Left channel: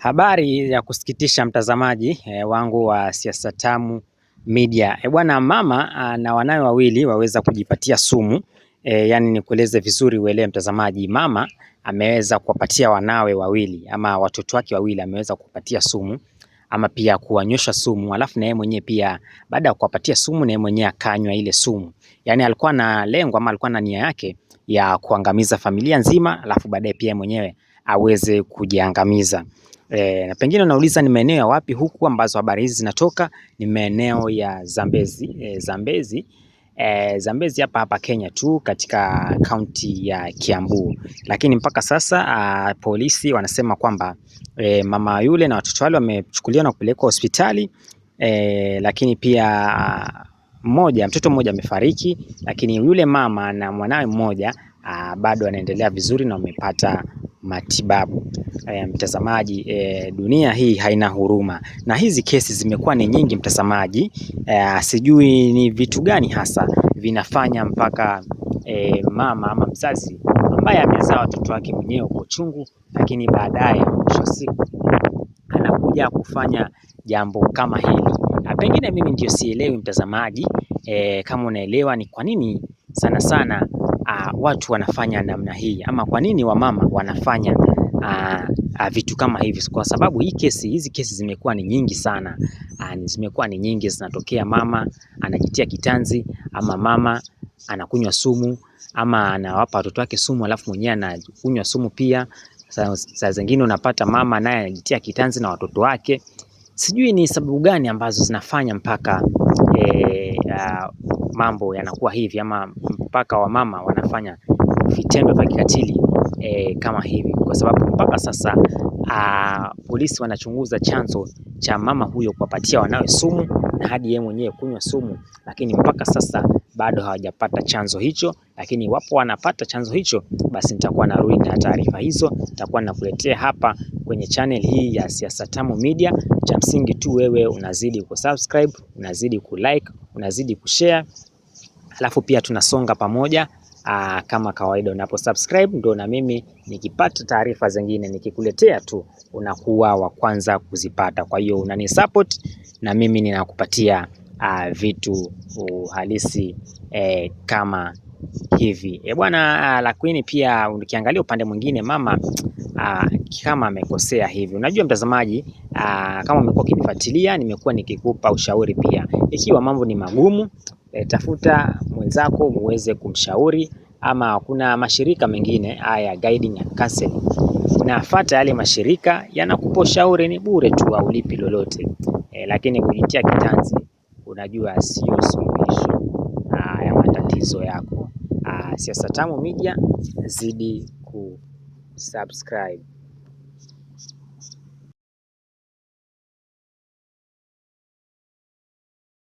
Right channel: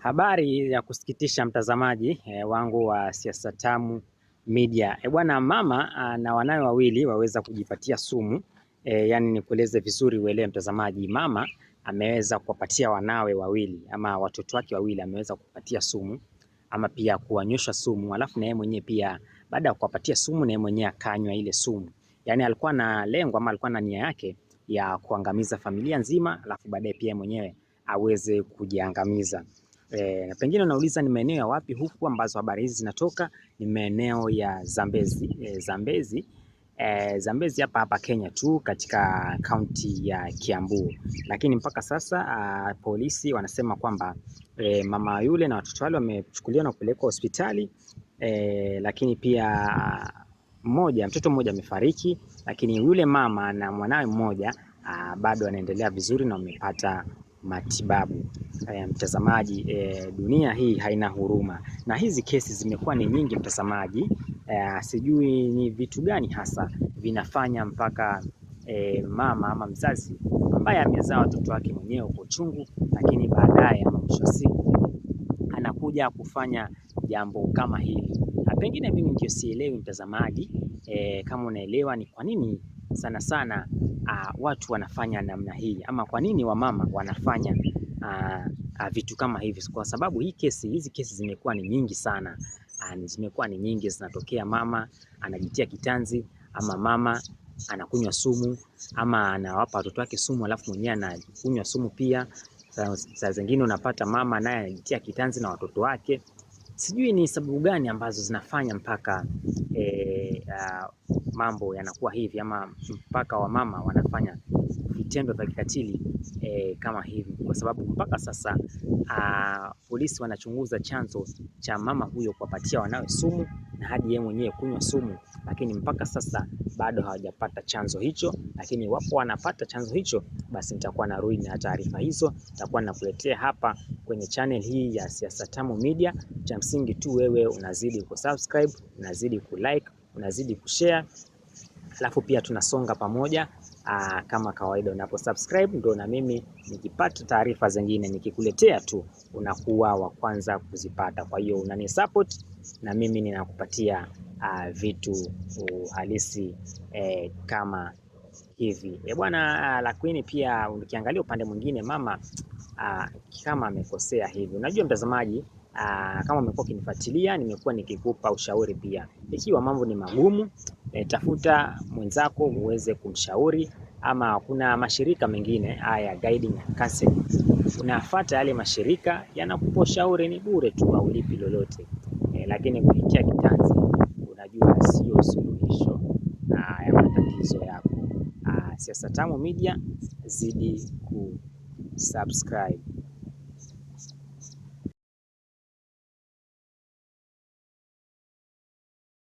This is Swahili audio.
Habari ya kusikitisha mtazamaji wangu wa Siasa Tamu Media. Bwana mama na wanawe wawili waweza kujipatia sumu. Yani nikueleze vizuri uelewe mtazamaji, mama ameweza kuwapatia wanawe wawili ama watoto wake wawili ameweza kupatia sumu ama pia kuwanywesha sumu, alafu na yeye mwenyewe pia baada ya kuwapatia sumu na yeye mwenyewe akanywa ile sumu. Yani alikuwa na lengo ama alikuwa na nia yake ya kuangamiza familia nzima, alafu baadaye pia mwenyewe aweze kujiangamiza. Na pengine unauliza ni maeneo ya wapi huku ambazo habari hizi zinatoka. Ni maeneo ya Zambezi. Zambezi hapa Kenya tu, katika kaunti ya Kiambu. Lakini mpaka sasa polisi wanasema kwamba mama yule na watoto wale wamechukuliwa na kupelekwa hospitali. Lakini pia mtoto mmoja amefariki, lakini yule mama na mwanawe mmoja bado anaendelea vizuri na wamepata matibabu. Mtazamaji, dunia hii haina huruma na hizi kesi zimekuwa ni nyingi mtazamaji. Sijui ni vitu gani hasa vinafanya mpaka mama ama mzazi ambaye amezaa watoto wake mwenyewe kwa uchungu, lakini baadaye mwisho siku anakuja kufanya jambo kama hili. Pengine mimi ndio sielewi mtazamaji, kama unaelewa ni kwa nini sana sana watu wanafanya namna hii, ama kwa nini wamama wanafanya vitu kama hivi. Kwa sababu hizi kesi zimekuwa ni nyingi sana. Zimekuwa ni nyingi, zinatokea mama anajitia kitanzi, ama mama anakunywa sumu, ama anawapa watoto wake sumu alafu mwenyewe anakunywa sumu pia. Saa zingine unapata mama naye anajitia kitanzi na watoto wake. Sijui ni sababu gani ambazo zinafanya mpaka mambo yanakuwa hivi, ama mpaka wamama wanafanya vitendo vya kikatili kama hivi, kwa sababu mpaka sasa polisi wanachunguza chanzo cha mama huyo kuwapatia wanawe sumu na hadi yeye mwenyewe kunywa sumu, lakini mpaka sasa bado hawajapata chanzo hicho. Lakini iwapo wanapata chanzo hicho, basi nitakuwa narudi na taarifa hizo, nitakuwa nakuletea hapa kwenye channel hii ya Siasa Tamu Media. Cha msingi tu wewe unazidi kusubscribe, unazidi kulike, unazidi kushare, alafu pia tunasonga pamoja. Kama kawaida unapo subscribe ndio na mimi nikipata taarifa zingine nikikuletea tu unakuwa wa kwanza kuzipata. Kwa hiyo unani support na mimi ninakupatia vitu halisi kama hivi. Bwana, lakini pia ukiangalia upande mwingine mama kama amekosea hivi. Unajua mtazamaji, kama umekuwa ukinifuatilia, nimekuwa nikikupa ushauri pia. Ikiwa mambo ni magumu, tafuta mwenzako muweze kumshauri, ama kuna mashirika mengine haya guiding and counseling. Nafuata yale mashirika, yanakupa ushauri, ni bure tu, haulipi lolote. Lakini kujitia kitanzi, unajua sio suluhisho ya matatizo yako. Siasa Tamu Media, zidi kusubscribe.